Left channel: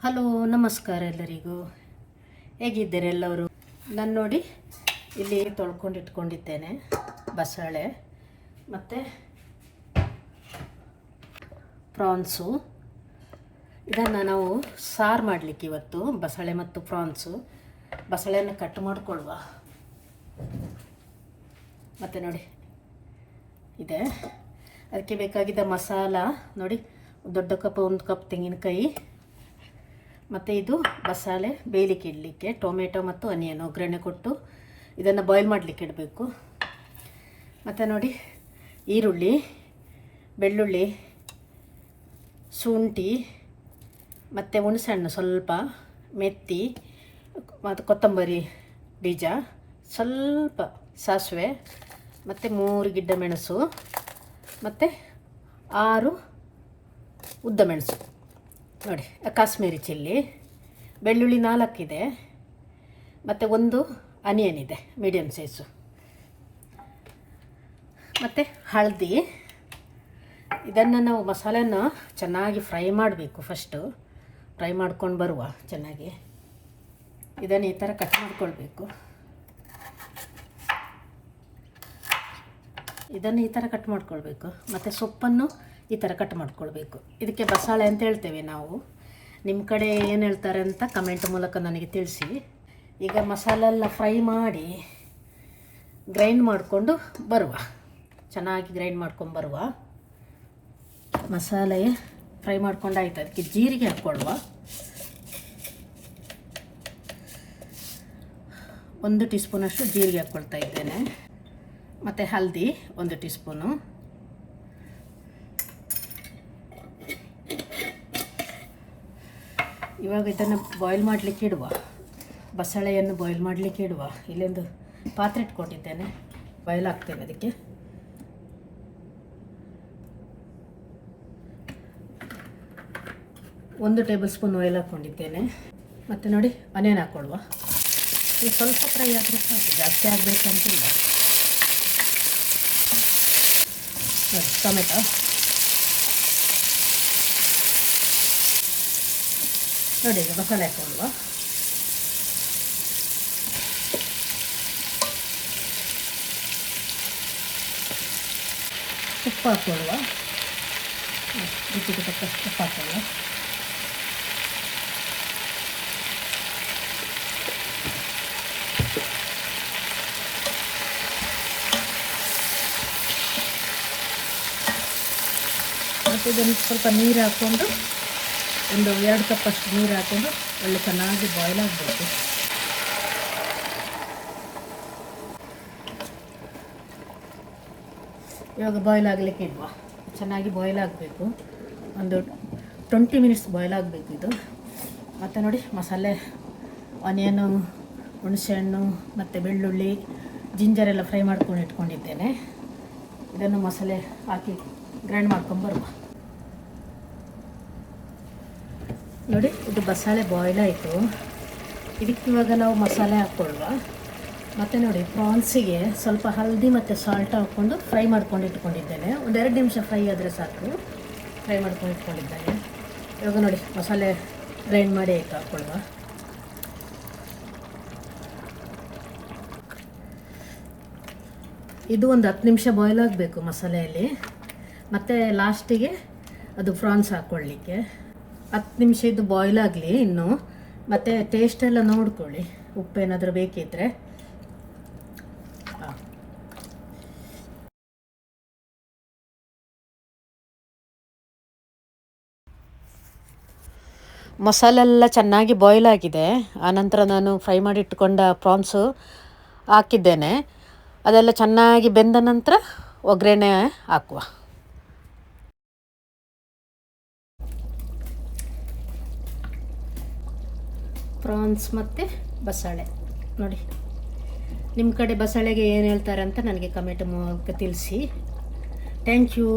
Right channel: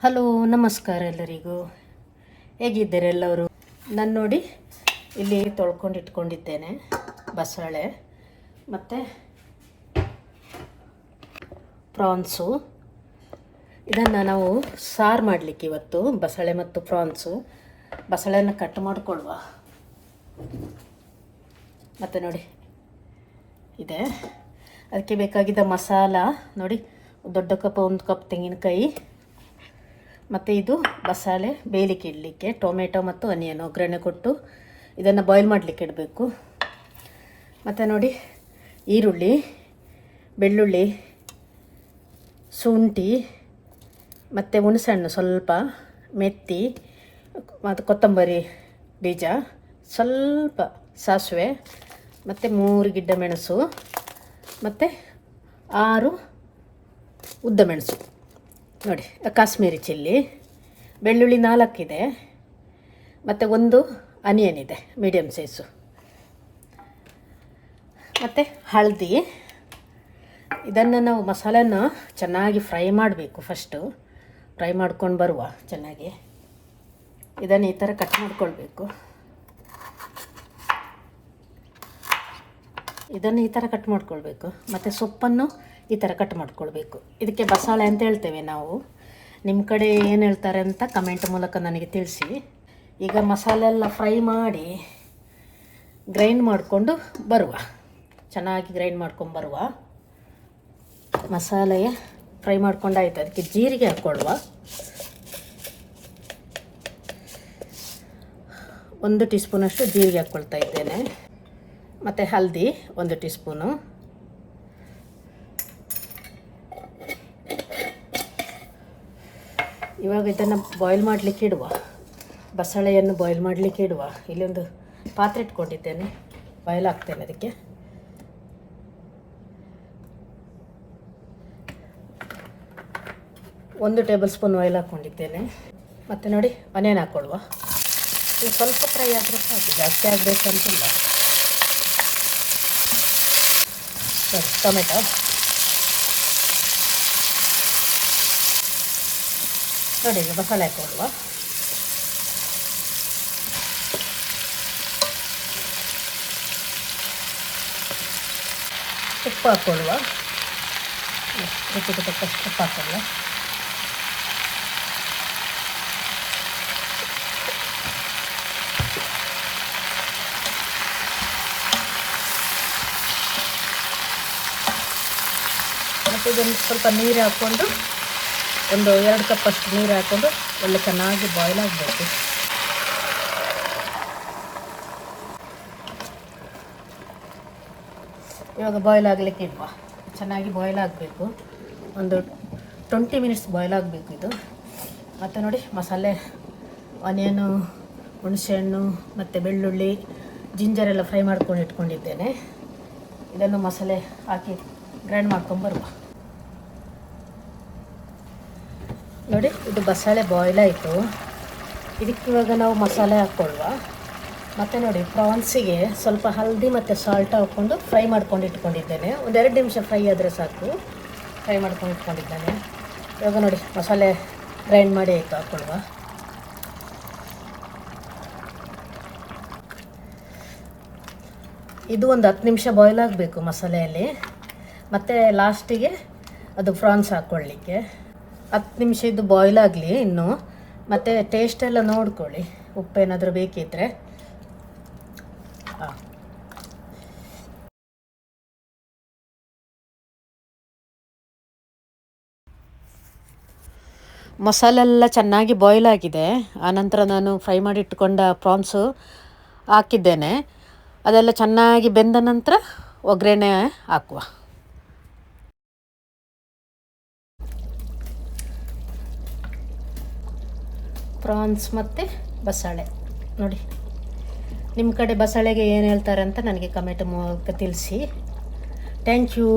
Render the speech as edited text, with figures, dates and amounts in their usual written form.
Hello, ನಮಸ್ಕಾರ ಎಲ್ಲರಿಗೂ. ಹೇಗಿದ್ದೀರಿ ಎಲ್ಲರೂ? ನಾನು ನೋಡಿ ಇಲ್ಲಿ ತೊಳ್ಕೊಂಡು ಇಟ್ಕೊಂಡಿದ್ದೇನೆ ಬಸಳೆ ಮತ್ತು ಪ್ರಾನ್ಸು. ಇದನ್ನು ನಾವು ಸಾರು ಮಾಡಲಿಕ್ಕೆ ಇವತ್ತು ಬಸಳೆ ಮತ್ತು ಪ್ರಾನ್ಸು. ಬಸಳೆಯನ್ನು ಕಟ್ ಮಾಡಿಕೊಳ್ಳುವ. ಮತ್ತು ನೋಡಿ ಇದೆ ಅದಕ್ಕೆ ಬೇಕಾಗಿದ್ದ ಮಸಾಲ ನೋಡಿ, ದೊಡ್ಡ ಕಪ್ 1 ಕಪ್ ತೆಂಗಿನಕಾಯಿ, ಮತ್ತು ಇದು ಬಸಳೆ ಬೇಯಲಿಕ್ಕೆ ಇಡಲಿಕ್ಕೆ ಟೊಮೆಟೊ ಮತ್ತು ಆನಿಯನ್ ಒಗ್ಗರಣೆ ಕೊಟ್ಟು ಇದನ್ನು ಬಾಯ್ಲ್ ಮಾಡಲಿಕ್ಕೆ ಇಡಬೇಕು. ಮತ್ತು ನೋಡಿ ಈರುಳ್ಳಿ, ಬೆಳ್ಳುಳ್ಳಿ, ಶುಂಠಿ ಮತ್ತು ಹುಣಸೆಹಣ್ಣು ಸ್ವಲ್ಪ, ಮೆತ್ತಿ ಮತ್ತು ಕೊತ್ತಂಬರಿ ಬೀಜ, ಸ್ವಲ್ಪ ಸಾಸಿವೆ ಮತ್ತು 3 ಗಿಡ್ಡ ಮೆಣಸು ಮತ್ತು 6 ಉದ್ದ ಮೆಣಸು ನೋಡಿ, ಕಾಶ್ಮೀರಿ ಚಿಲ್ಲಿ, ಬೆಳ್ಳುಳ್ಳಿ 4 ಇದೆ ಮತ್ತು 1 ಆನಿಯನ್ ಇದೆ ಮೀಡಿಯಮ್ ಸೈಜು, ಮತ್ತು ಹಳದಿ. ಇದನ್ನು ನಾವು ಮಸಾಲೆನ ಚೆನ್ನಾಗಿ ಫ್ರೈ ಮಾಡಬೇಕು. ಫಸ್ಟು ಫ್ರೈ ಮಾಡ್ಕೊಂಡು ಬರುವ ಚೆನ್ನಾಗಿ. ಇದನ್ನು ಈ ಥರ ಕಟ್ ಮಾಡ್ಕೊಳ್ಬೇಕು. ಇದನ್ನು ಈ ಥರ ಕಟ್ ಮಾಡ್ಕೊಳ್ಬೇಕು. ಮತ್ತು ಸೊಪ್ಪನ್ನು ಈ ಥರ ಕಟ್ ಮಾಡ್ಕೊಳ್ಬೇಕು. ಇದಕ್ಕೆ ಬಸಳೆ ಅಂತ ಹೇಳ್ತೇವೆ ನಾವು. ನಿಮ್ಮ ಕಡೆ ಏನು ಹೇಳ್ತಾರೆ ಅಂತ ಕಮೆಂಟ್ ಮೂಲಕ ನನಗೆ ತಿಳಿಸಿ. ಈಗ ಮಸಾಲೆ ಎಲ್ಲ ಫ್ರೈ ಮಾಡಿ ಗ್ರೈಂಡ್ ಮಾಡಿಕೊಂಡು ಬರುವ, ಚೆನ್ನಾಗಿ ಗ್ರೈಂಡ್ ಮಾಡ್ಕೊಂಡು ಬರುವ. ಮಸಾಲೆ ಫ್ರೈ ಮಾಡ್ಕೊಂಡಾಯ್ತು. ಅದಕ್ಕೆ ಜೀರಿಗೆ ಹಾಕ್ಕೊಳ್ಳುವ. 1 ಟೀ ಸ್ಪೂನಷ್ಟು ಜೀರಿಗೆ ಹಾಕ್ಕೊಳ್ತಾ ಇದ್ದೇನೆ. ಮತ್ತು ಹಲ್ದಿ 1 ಟೀ ಸ್ಪೂನು, ಇವಾಗ ಇದನ್ನು ಬಾಯ್ಲ್ ಮಾಡಲಿಕ್ಕೆ ಇಡುವ. ಬಸಳೆಯನ್ನು ಬಾಯ್ಲ್ ಮಾಡಲಿಕ್ಕೆ ಇಡುವ. ಇಲ್ಲೊಂದು ಪಾತ್ರೆ ಇಟ್ಕೊಂಡಿದ್ದೇನೆ, ಬಾಯ್ಲ್ ಹಾಕ್ತೇನೆ. ಅದಕ್ಕೆ ಒಂದು ಟೇಬಲ್ ಸ್ಪೂನ್ ಆಯಿಲ್ ಹಾಕ್ಕೊಂಡಿದ್ದೇನೆ. ಮತ್ತು ನೋಡಿ ಆನಿಯನ್ ಹಾಕ್ಕೊಳ್ವ. ಇದು ಸ್ವಲ್ಪ ಫ್ರೈ ಆದರೆ ಸಾಕು, ಜಾಸ್ತಿ ಆಗಬೇಕಂತಿಲ್ಲ. ಟೊಮೆಟೊ ನೋಡಿ, ಈಗ ಮಸಾಲೆ ಹಾಕ್ಕೊಳ್ವ. ಉಪ್ಪು ಹಾಕ್ಕೊಳ್ಳುವ. ಉಪ್ಪು ಹಾಕ್ಕೊಳ್ಳುವ. ಮತ್ತು ಇದನ್ನು ಸ್ವಲ್ಪ ನೀರು ಹಾಕ್ಕೊಂಡು, ಒಂದು 2 ಕಪ್ ಅಷ್ಟು ನೀರು ಹಾಕ್ಕೊಂಡು ಒಳ್ಳೆ ಚೆನ್ನಾಗಿ ಬಾಯ್ಲ್ ಆಗಬೇಕು. ಇವಾಗ ಬಾಯ್ಲ್ ಆಗಲಿಕ್ಕೆ ಇಡುವ. ಚೆನ್ನಾಗಿ ಬಾಯ್ಲ್ ಆಗಬೇಕು. ಒಂದು 20 ಮಿನಿಟ್ಸ್ ಬಾಯ್ಲ್ ಆಗಬೇಕು ಇದು. ಮತ್ತು ನೋಡಿ ಮಸಾಲೆ, ಆನಿಯನು, ಹುಣಸೆಹಣ್ಣು ಮತ್ತು ಬೆಳ್ಳುಳ್ಳಿ, ಜಿಂಜರ್ ಎಲ್ಲ ಫ್ರೈ ಮಾಡ್ಕೊಂಡು ಇಟ್ಕೊಂಡಿದ್ದೇನೆ. ಇದನ್ನು ಮಸಾಲೆ ಹಾಕಿ ಗ್ರೈಂಡ್ ಮಾಡ್ಕೊಂಡು ಬರುವ. ನೋಡಿ, ಇದು ಬಸಳೆ ಬಾಯ್ಲ್ ಆಯಿತು. ಇದಕ್ಕೆ ಇವಾಗ ನಾವು ಮಸಾಲೆ ಹಾಕ್ಕೊಳ್ಳುವ. ಮತ್ತು ನೋಡಿ ಪ್ರಾನ್ಸಿಗೆ ಸ್ವಲ್ಪ ಹಲ್ದಿ ಮತ್ತು ಸಾಲ್ಟ್ ಹಾಕ್ಕೊಂಡು ಫ್ರೈ ಮಾಡ್ಕೊಂಡು ಇಟ್ಕೊಂಡಿದ್ದೇನೆ. ಒಂದು 2 ನಿಮಿಷ ಫ್ರೈ ಆದರೆ ಸಾಕು. ಫ್ರೈ ಮಾಡ್ಕೊಂಡು ಇಟ್ಕೊಂಡಿದ್ದೇನೆ. ಇವಾಗ ನೋಡಿ ಮಸಾಲೆ ಗ್ರೈಂಡ್ ಮಾಡಿ ಆಯಿತು, ಹಾಕ್ಕೊಳ್ಳುವ. ಇದು ಒಂದು 10 ನಿಮಿಷ ಬಾಯ್ಲ್ ಆಗಬೇಕು ಮಸಾಲೆಯಲ್ಲಿ. ಮತ್ತು ಲಾಸ್ಟಿಗೆ ಅದು ಪ್ರಾನ್ಸ್ ಹಾಕ್ಕೊಳ್ಳಿಕ್ಕೆ 10 ನಿಮಿಷ ಇದು ಬಾಯ್ಲ್ ಆಗಲಿ ಇನ್ನು. ಮತ್ತು ಟೇಸ್ಟೆಲ್ಲ ನೋಡ್ಕೊಳ್ಳಿ, ಉಪ್ಪೇನಾದರೂ ಬೇಕಿದ್ದರೆ. ಮಸಾಲೆಲ್ಲ ಚೆನ್ನಾಗಿ ಬಾಯ್ಲ್ ಆಗಿದೆ. ಆನಂತರ ನಾನು ಫ್ರೈ ಮಾಡಿ ಇಟ್ಕೊಂಡ ಪ್ರಾನ್ಸು ಹಾಕಿದ್ದೇನೆ. ಅದೆಲ್ಲ ಚೆನ್ನಾಗಿ ಬೆಂದ ನಂತರ ಒಗ್ಗರಣೆ ಹಾಕುವ. ಪ್ರಾನ್ಸ್ ಮತ್ತು ಬಸಳೆ ನೋಡಿ. ನಿಮ್ಮ ಕಡೆ ಬಸಳೆಗೆ ಏನು ಹೇಳ್ತಾರೆ ಅಂತ ನನಗೆ ಕಮೆಂಟ್ ಮೂಲಕ ತಿಳಿಸಿ. Thank you.